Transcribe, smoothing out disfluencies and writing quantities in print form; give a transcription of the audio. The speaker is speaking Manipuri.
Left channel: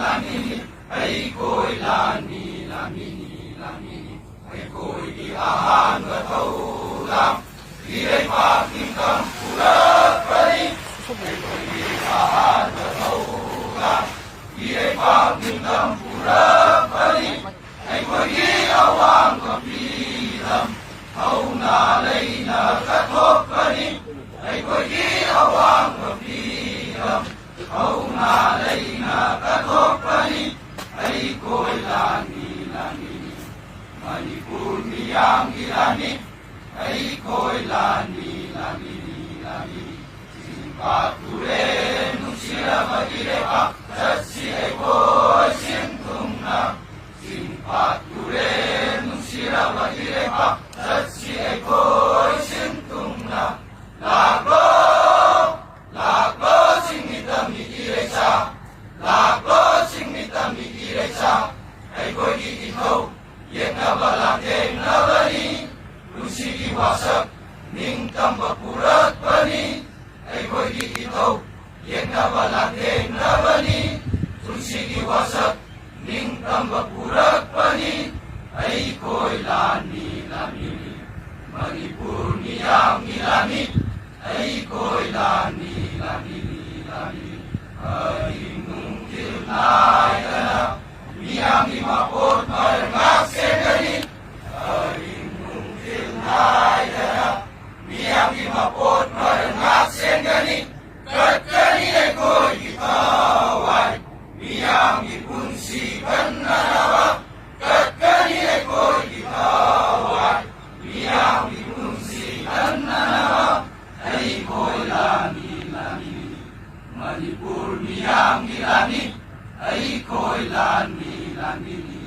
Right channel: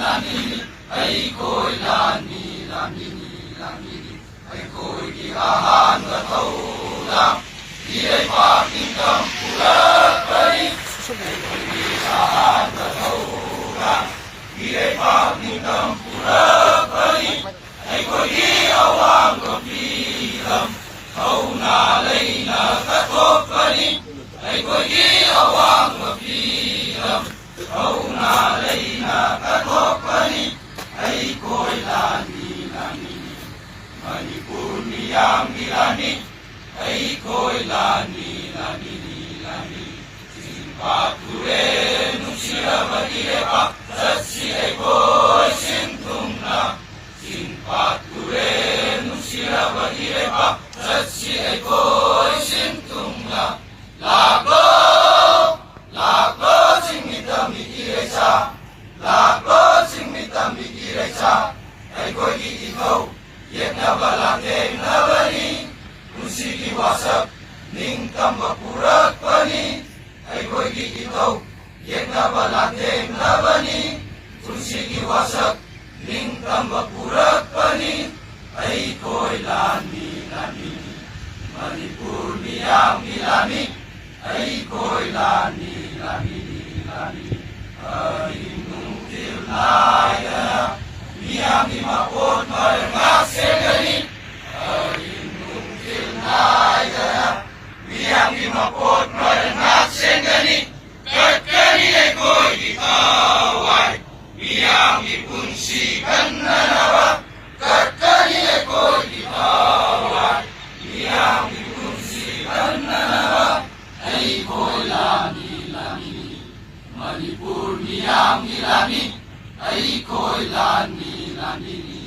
ꯑꯩꯈꯣꯏ ꯂꯥꯟꯃꯤ ꯂꯥꯟꯃꯤꯅꯤ ꯂꯥꯟꯃꯤꯅꯤ ꯑꯩꯈꯣꯏꯒꯤ ꯑꯍꯥꯟꯕ ꯊꯧꯔꯥꯡ ꯏꯔꯩꯄꯥꯛ ꯅꯤꯡꯇꯝ ꯄꯨꯔꯛꯄꯅꯤ ꯑꯩꯈꯣꯏꯒꯤ ꯑꯍꯥꯟꯕ ꯊꯧꯔꯥꯡ ꯏꯔꯩꯄꯥꯛ ꯅꯤꯡꯇꯝ ꯄꯨꯔꯛꯄꯅꯤ ꯑꯩꯈꯣꯏꯒꯤ ꯑꯋꯥꯡꯕ ꯐꯤꯂꯝ ꯊꯧꯅꯥ ꯂꯩꯅ ꯀꯠꯊꯣꯛꯄꯅꯤ ꯑꯩꯈꯣꯏꯒꯤ ꯑꯋꯥꯡꯕ ꯐꯤꯂꯝ ꯊꯧꯅꯥ ꯂꯩꯅ ꯀꯠꯊꯣꯛꯄꯅꯤ ꯑꯩꯈꯣꯏ ꯂꯥꯟꯃꯤ ꯂꯥꯟꯃꯤꯅꯤ ꯃꯅꯤꯄꯨꯔ ꯃꯤꯌꯥꯝꯒꯤ ꯂꯥꯟꯃꯤ ꯑꯩꯈꯣꯏ ꯂꯥꯟꯃꯤ ꯂꯥꯟꯃꯤꯅꯤ ꯂꯥꯟꯃꯤꯅꯤ ꯆꯤꯡꯄꯥꯠ ꯇꯨꯔꯦꯜ ꯅꯨꯡꯁꯤꯔꯕ ꯏꯔꯩꯄꯥꯛ ꯆꯠꯁꯤ ꯑꯩꯈꯣꯏ ꯁꯤꯟ ꯊꯨꯡꯅ ꯆꯤꯡꯄꯥꯠ ꯇꯨꯔꯦꯜ ꯅꯨꯡꯁꯤꯔꯕ ꯏꯔꯩꯄꯥꯛ ꯆꯠꯁꯤ ꯑꯩꯈꯣꯏ ꯁꯤꯟ ꯊꯨꯡꯅ ꯂꯥꯛꯂꯣ ꯂꯥꯛꯂꯣ ꯆꯤꯡꯃꯤ ꯇꯝꯃꯤ ꯏꯔꯩꯆꯥ ꯂꯥꯛꯂꯣ ꯆꯤꯡꯃꯤ ꯇꯝꯃꯤ ꯏꯔꯩꯆꯥ ꯑꯩꯈꯣꯏꯒꯤ ꯏꯊꯧ ꯌꯦꯛꯅꯕ ꯂꯥꯟꯊꯦꯡꯅꯕꯅꯤ ꯄꯨꯟꯁꯤꯒꯤ ꯋꯥꯁꯛ ꯅꯤꯡꯇꯝꯕ ꯄꯨꯔꯛꯄꯅꯤ ꯑꯩꯈꯣꯏꯒꯤ ꯏꯊꯧ ꯌꯦꯛꯅꯕ ꯂꯥꯟꯊꯦꯡꯅꯕꯅꯤ ꯄꯨꯟꯁꯤꯒꯤ ꯋꯥꯁꯛ ꯅꯤꯡꯇꯝꯕ ꯄꯨꯔꯛꯄꯅꯤ ꯑꯩꯈꯣꯏ ꯂꯥꯟꯃꯤ ꯂꯥꯟꯃꯤꯅꯤ ꯃꯅꯤꯄꯨꯔ ꯃꯤꯌꯥꯝꯒꯤ ꯂꯥꯟꯃꯤ ꯑꯩꯈꯣꯏ ꯂꯥꯟꯃꯤ ꯂꯥꯟꯃꯤꯅꯤ ꯂꯥꯟꯃꯤꯅꯤ ꯑꯍꯤꯡ ꯅꯨꯡꯊꯤꯜ ꯅꯥꯏꯗꯅ ꯃꯤꯌꯥꯝꯒꯤ ꯃꯄꯣꯠ ꯃꯔꯜ ꯉꯥꯛ ꯁꯦꯟꯒꯅꯤ ꯑꯍꯤꯡ ꯅꯨꯡꯊꯤꯜ ꯅꯥꯏꯗꯅ ꯃꯤꯌꯥꯝꯒꯤ ꯃꯄꯣꯠ ꯃꯔꯜ ꯉꯥꯛ ꯁꯦꯟꯒꯅꯤ ꯀꯠꯀꯅꯤ ꯑꯩꯈꯣꯏꯒꯤ ꯊꯋꯥꯏ ꯃꯤꯌꯥꯝꯒꯤ ꯄꯨꯟꯁꯤ ꯀꯟꯅꯅꯕ ꯀꯠꯀꯅꯤ ꯑꯩꯈꯣꯏꯒꯤ ꯊꯋꯥꯏ ꯃꯤꯌꯥꯝꯒꯤ ꯄꯨꯟꯁꯤ ꯀꯟꯅꯅꯕ ꯑꯩꯈꯣꯏ ꯂꯥꯟꯃꯤ ꯂꯥꯟꯃꯤꯅꯤ ꯃꯅꯤꯄꯨꯔ ꯃꯤꯌꯥꯝꯒꯤ ꯂꯥꯟꯃꯤ ꯑꯩꯈꯣꯏ ꯂꯥꯟꯃꯤ ꯂꯥꯟꯃꯤꯅꯤ